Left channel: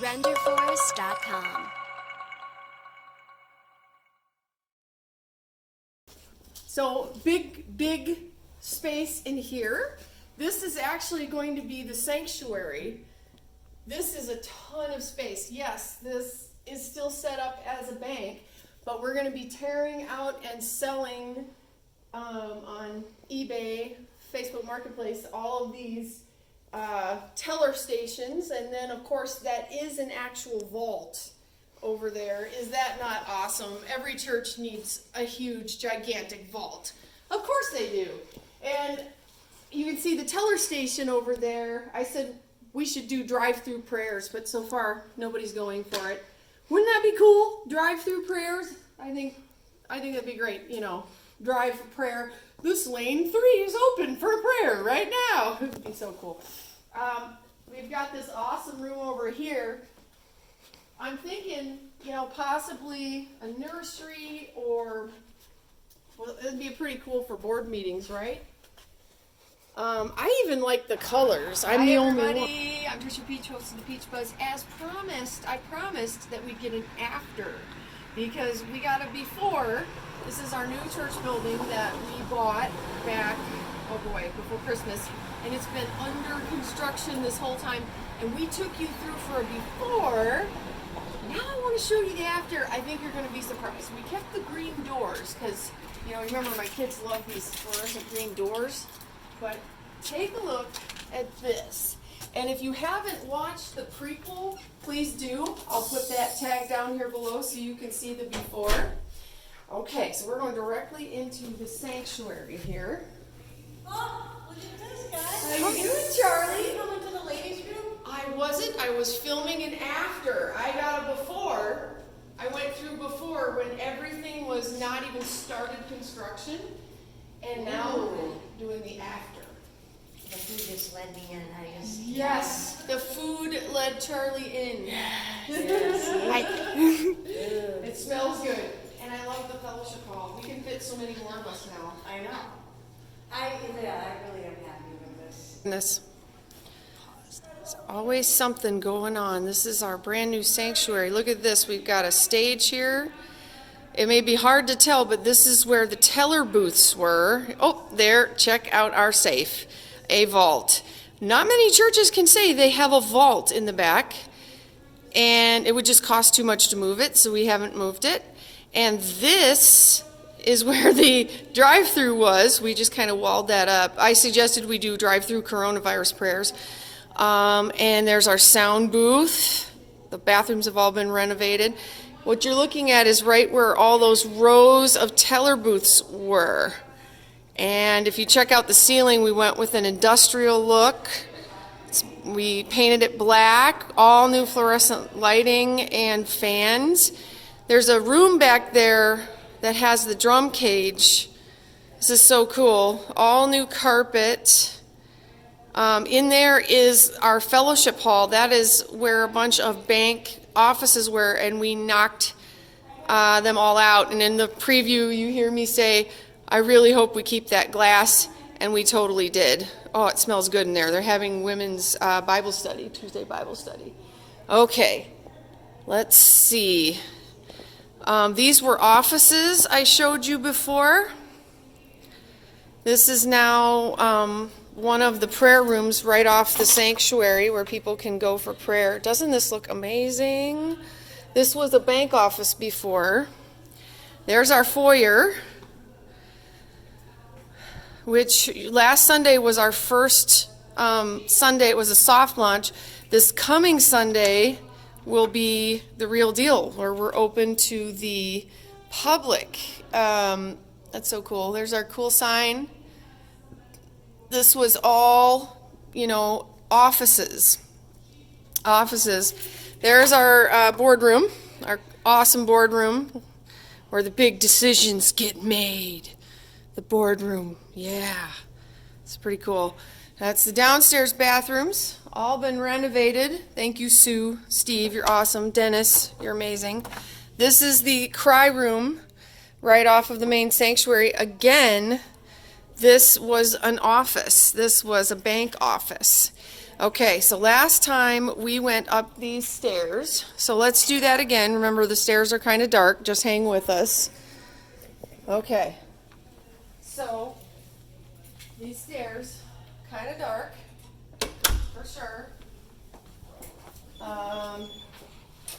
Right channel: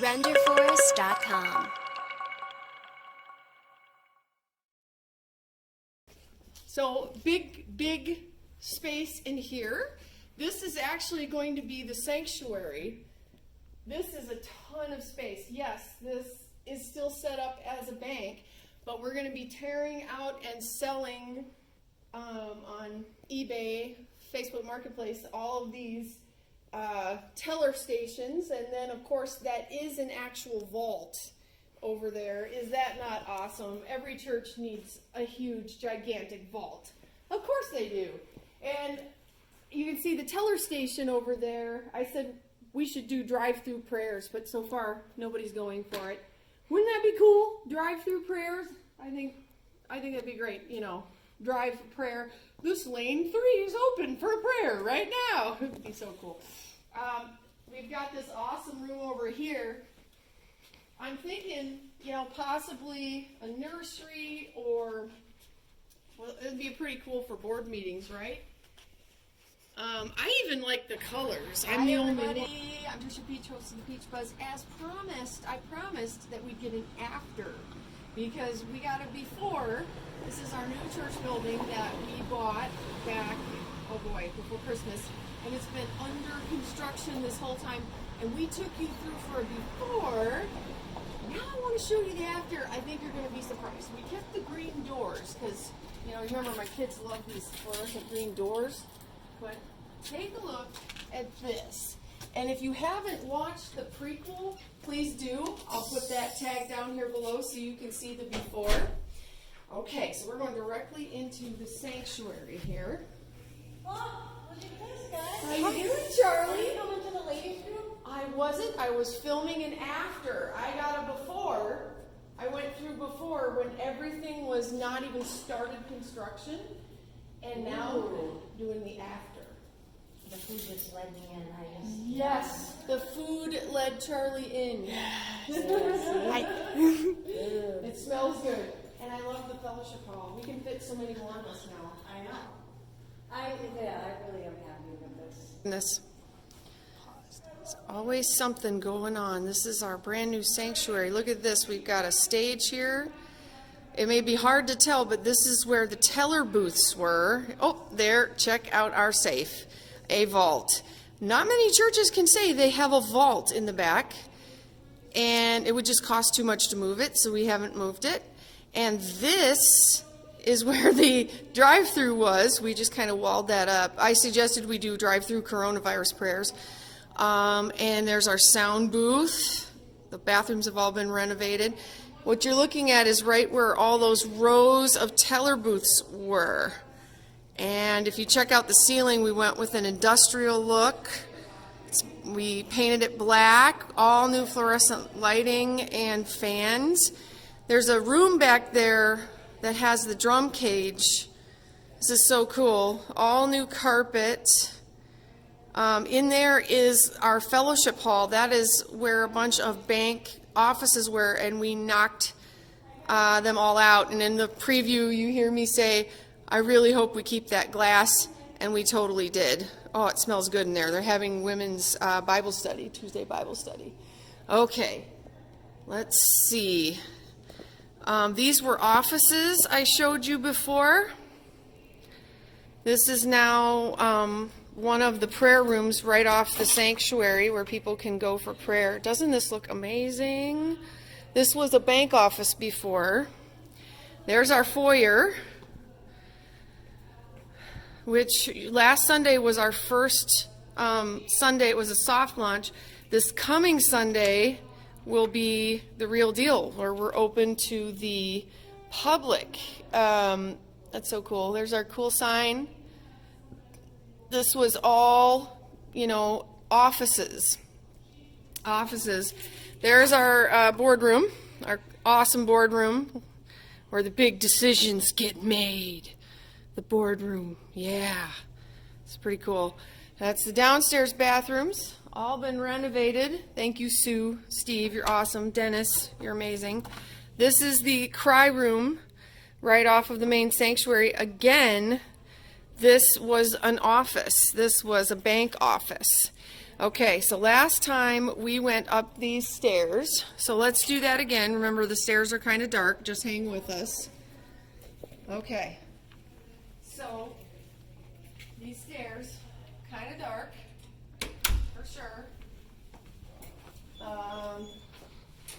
RenderForest.com. So big space in here. This is actually going to be the sanctuary. This is a ton of space. Yes, this is still set up as a bank, but we're going to be tearing out and selling on eBay, Facebook Marketplace, all of these teller stations, and then of course that is an actual vault over there. Is that not awesome? Every church needs a huge, gigantic vault. Of course they do. And you can see the teller station over there. I said we should do drive-through prayers, but so far nobody's going for it. Wouldn't that be cool? Drive-through prayers? I think that'd be great, you know. Drive prayer. This lane 3 is open for prayer right now. It would be so cool. We've got this awesome room over here. I'm thinking, you know, possibly a nursery, or, well, it'd be pretty cool for board meetings, right? I even like the colors. I'm the only one. I'm Trisha Peach, host of the Peach Buzz. As promised, I promised that we'd get an after, because we got a before. This is our new church building that we bought back, oh boy, before Christmas. And it's been under construction this whole time. And we took you through for a before. Now I want to show you the after. I think you're going to be surprised. We kept the green doors because, you know, remember my kids love these fluorescent green doors. But take a look at this. And if you haven't watched the prequel, please do. I'll put that tag down here below so you can see the before. Okay, so we're going directly into the sanctuary here. Oh, look at this, guys. How you doing, Charlie? Are you going to the ladies' room? I wasn't. I was filming an after. I got a before. I went through before when everything was not even started construction. And now we're doing the after. The food just led me in, I guess. Yes, the food led Charlie in. It smells good. And I love the fellowship hall. We can fit so many more of us now. I know. I really am happy with this. There's always something going on. This is our brand new sanctuary. Look at this. We've got a stage here. It may be hard to tell, but this is where the teller booths were. Oh, there. Check out our safe. A vault. Not many churches can say they have a vault in the back, and it would just cost too much to move it, so we haven't moved it. And this is where the drive-through was. We just kind of walled that up. I suggested we do drive-through coronavirus prayers. And there's our sound booth. The bathrooms have all been renovated. What you're looking at is right where all those rows of teller booths were. And if you check out the ceiling, we went with an industrial look. We painted it black, all new fluorescent lighting and fans. There's a room back there that has the drum cage. This is so cool. All new carpet. In there is our fellowship hall. That is where a bunch of bank offices were, and we knocked them all out. And in the preview, you hear me say, I really hope we keep that glass, and we totally did. Oh, it smells good in there. They're having women's Bible study, Tuesday Bible study. Okay, let's see. These were offices I showed you before. This is now one of the prayer rooms right off the sanctuary where people can go for prayer. Doesn't this look amazing? This was a bank office before. There's our foyer, which last Sunday was our first Sunday. It was a soft launch. This coming Sunday will be the real deal, where we're open to the public. That's so cool. There's our cool sign. This was all, offices. There's our boardroom, our awesome boardroom, where the big decisions get made. The boardroom, yeah. It's pretty cool. That's the downstairs bathrooms. All been renovated. Thank you, Sue, Steve, you're awesome. Dennis, you're amazing. This is the cry room right off of the main sanctuary. Again, this was an office. This was a bank office. Okay, so last time we went up these stairs. So let's do that again. Remember, the stairs are kind of dark. Just hang with us. Okay. So these stairs, kind of dark, for sure.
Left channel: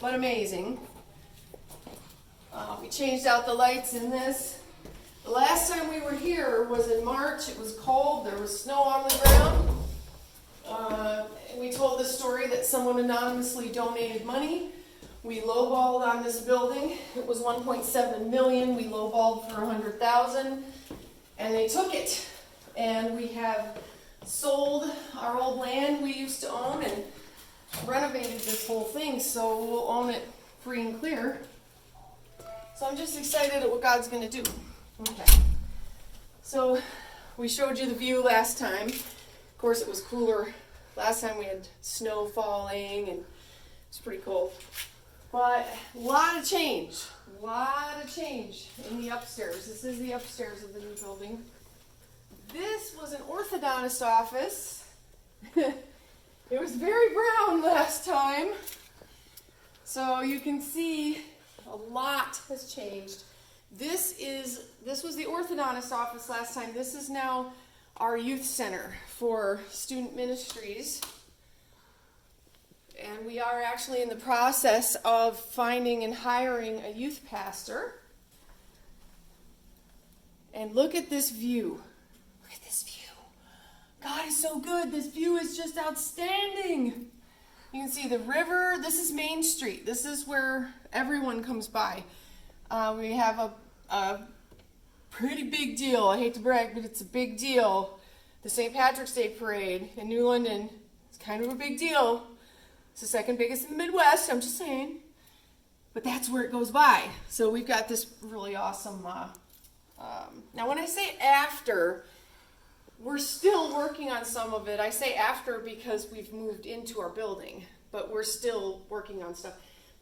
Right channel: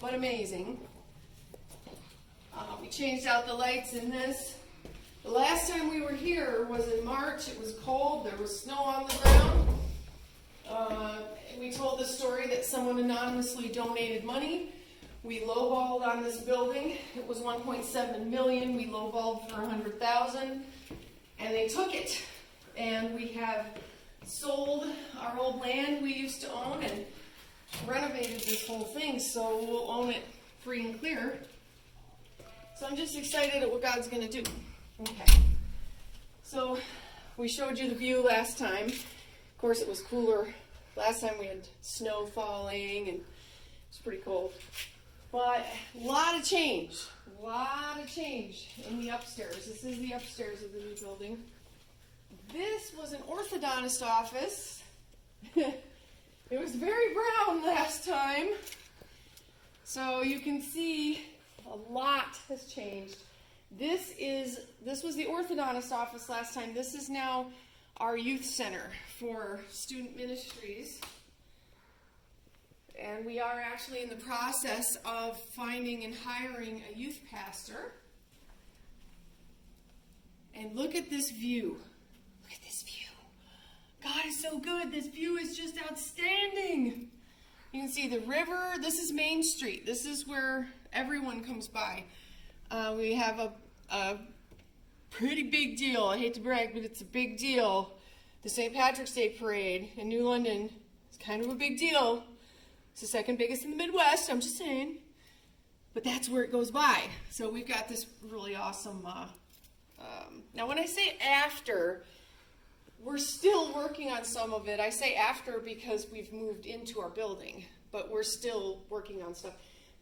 But amazing. We changed out the lights in this. The last time we were here was in March. It was cold. There was snow on the ground. We told the story that someone anonymously donated money. We lowballed on this building. It was 1.7 million. We lowballed for 100,000, and they took it. And we have sold our old land we used to own and renovated this whole thing, so we'll own it free and clear. So I'm just excited at what God's going to do. Okay. So we showed you the view last time. Of course, it was cooler. Last time we had snow falling, and it's pretty cold. But a lot of change in the upstairs. This is the upstairs of the new building. This was an orthodontist office. It was very brown last time. So you can see a lot has changed. This was the orthodontist office last time. This is now our youth center for student ministries. And we are actually in the process of finding and hiring a youth pastor. And look at this view. Look at this view. God is so good. This view is just outstanding. You can see the river. This is Main Street. This is where everyone comes by. We have a pretty big deal. I hate to brag, but it's a big deal. The St. Patrick's Day Parade in New London is kind of a big deal. It's the second biggest in the Midwest, I'm just saying. But that's where it goes by. So we've got this really awesome... now when I say after, we're still working on some of it. I say after because we've moved into our building, but we're still working on stuff.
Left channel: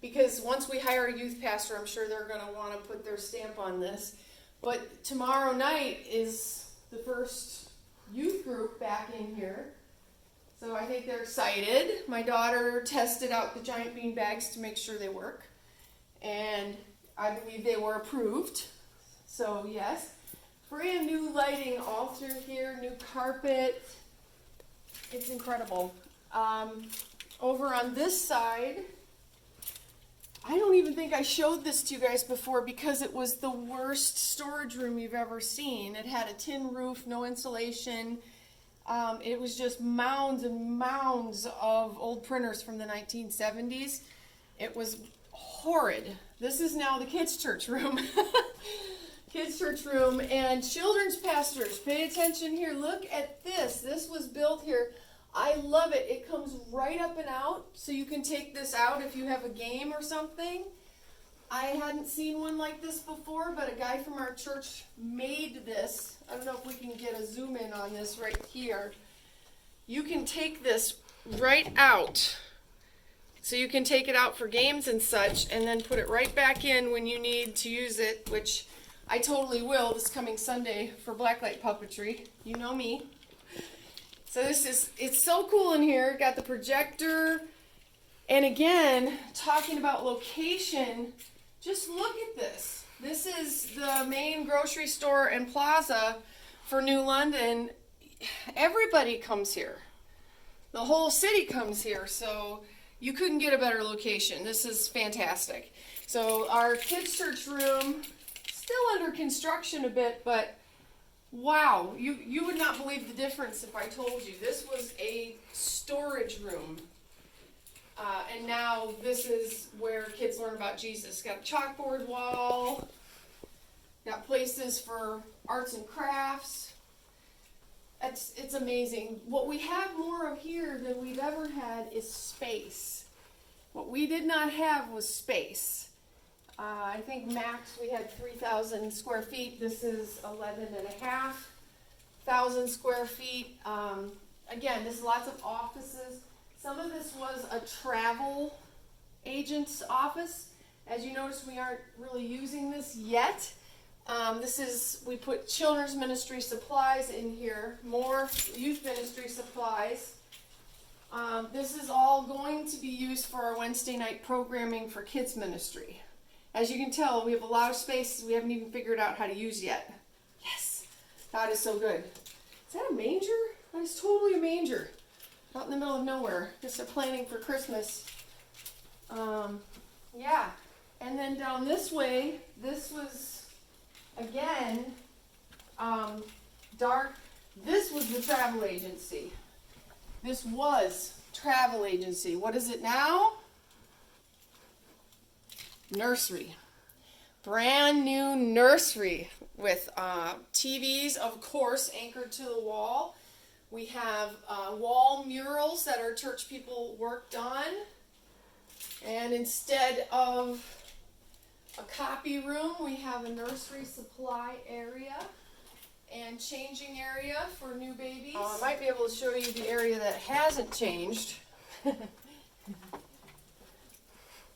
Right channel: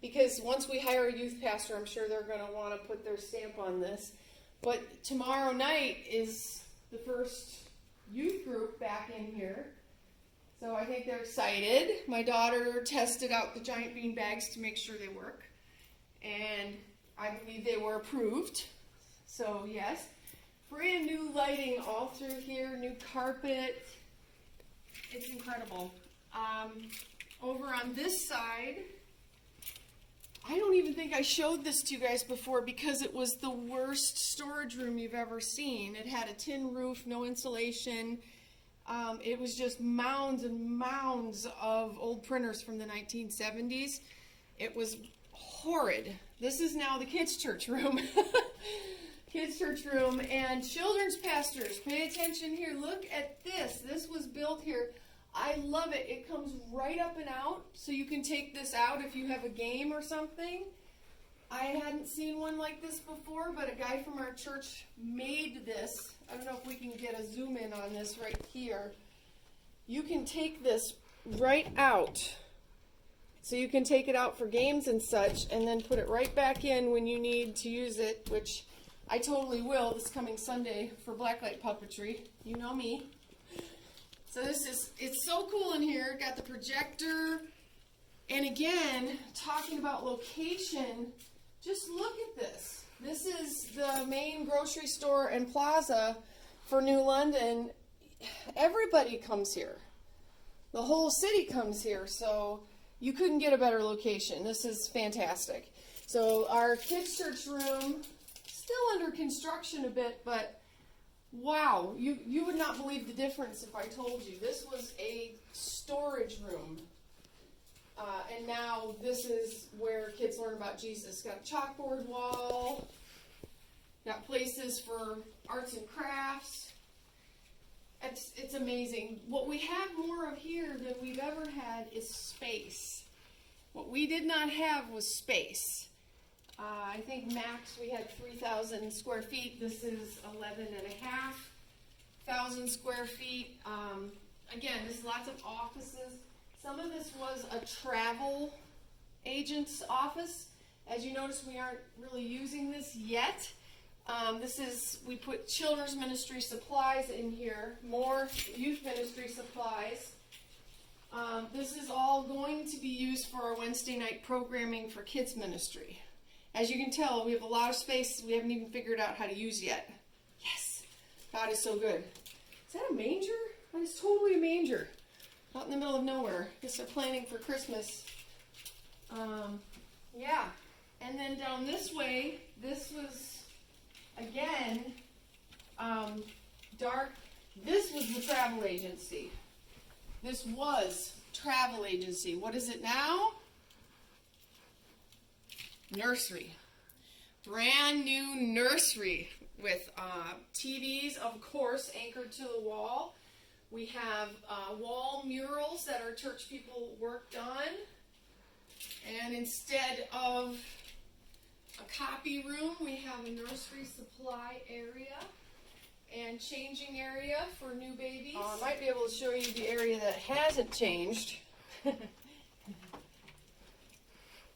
Because once we hire a youth pastor, I'm sure they're going to want to put their stamp on this. But tomorrow night is the first youth group back in here. So I think they're excited. My daughter tested out the giant bean bags to make sure they work. And I believe they were approved. So yes, brand new lighting all through here, new carpet. It's incredible. Over on this side, I don't even think I showed this to you guys before because it was the worst storage room you've ever seen. It had a tin roof, no insulation. It was just mounds and mounds of old printers from the 1970s. It was horrid. This is now the kids' church room. Kids' church room and children's pastors. Pay attention here. Look at this. This was built here. I love it. It comes right up and out, so you can take this out if you have a game or something. I hadn't seen one like this before, but a guy from our church made this. I don't know if we can get a zoom in on this right here. You can take this right out. So you can take it out for games and such, and then put it right back in when you need to use it, which I totally will this coming Sunday for blacklight puppetry. You know me. So it's so cool in here. Got the projector. And again, talking about location, just look at this. This is the main grocery store and plaza for New London. Everybody comes here. The whole city comes here. So you couldn't get a better location. This is fantastic. So our kids' church room, still under construction a bit, but wow, you would not believe the difference if I told you. This was a storage room. And now this is where kids learn about Jesus. Got a chalkboard wall. Got places for arts and crafts. It's amazing. What we have more of here than we've ever had is space. What we did not have was space. I think max we had 3,000 square feet. This is 11,500 square feet. Again, there's lots of offices. Some of this was a travel agent's office. As you notice, we aren't really using this yet, We put children's ministry supplies in here, more youth ministry supplies. This is all going to be used for our Wednesday night programming for kids ministry. As you can tell, we have a lot of space we haven't even figured out how to use yet. Yes, God is so good. Is that a manger? That is totally a manger. Out in the middle of nowhere. Guess they're planning for Christmas. Yeah. And then down this way, this was, again, dark. This was the travel agency. This was travel agency. What is it now? Nursery. Brand new nursery with TVs, of course, anchored to the wall. We have wall murals that our church people worked on. And instead of a copy room, we have a nursery supply area and changing area for new babies. I might be able to show you the area that hasn't changed.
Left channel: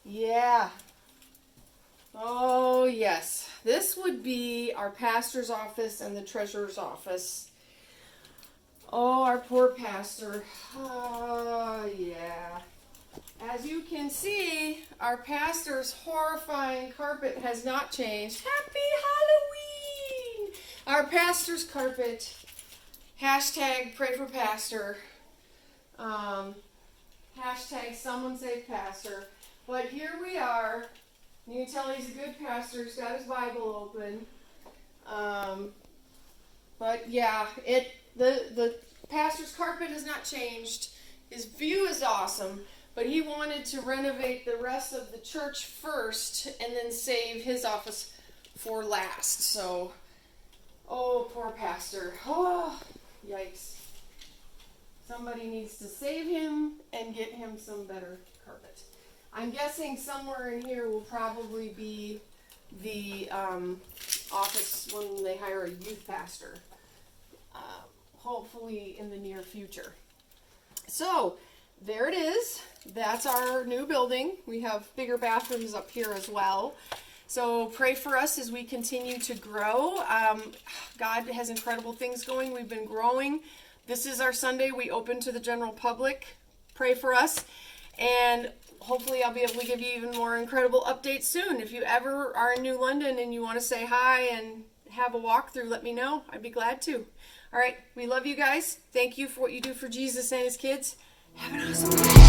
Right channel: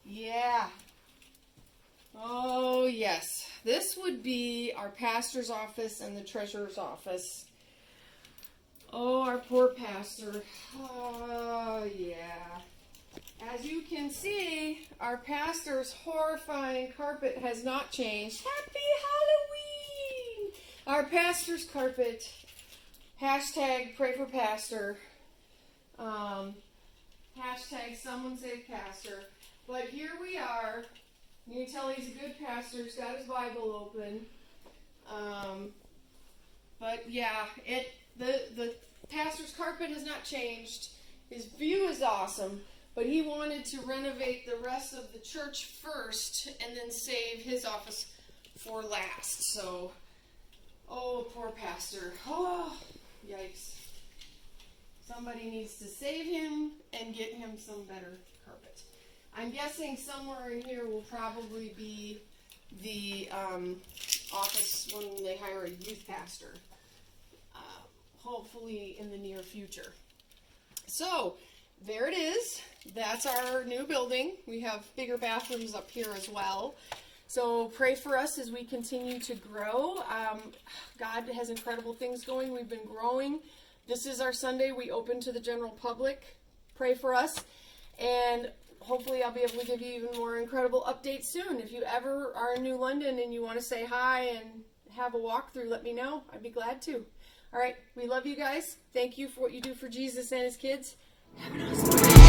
Yeah. Oh, yes. This would be our pastor's office and the treasurer's office. Oh, our poor pastor. Oh, yeah. As you can see, our pastor's horrifying carpet has not changed. Happy Halloween! Our pastor's carpet. Hashtag pray for pastor. Hashtag someone save pastor. But here we are. You can tell he's a good pastor. He's got his Bible open. But yeah, the pastor's carpet has not changed. His view is awesome. But he wanted to renovate the rest of the church first and then save his office for last. So, oh, poor pastor. Oh, yikes. Somebody needs to save him and get him some better carpet. I'm guessing somewhere in here will probably be the office when they hire a youth pastor. Hopefully in the near future. So, there it is. That's our new building. We have bigger bathrooms up here as well. So pray for us as we continue to grow. God has incredible things going. We've been growing. This is our Sunday. We open to the general public. Pray for us. And hopefully I'll be able to give you even more incredible updates soon. If you ever are in New London and you want to say hi and have a walkthrough, let me know. I'd be glad to. All right. We love you guys. Thank you for what you do for Jesus and his kids. Have an awesome day.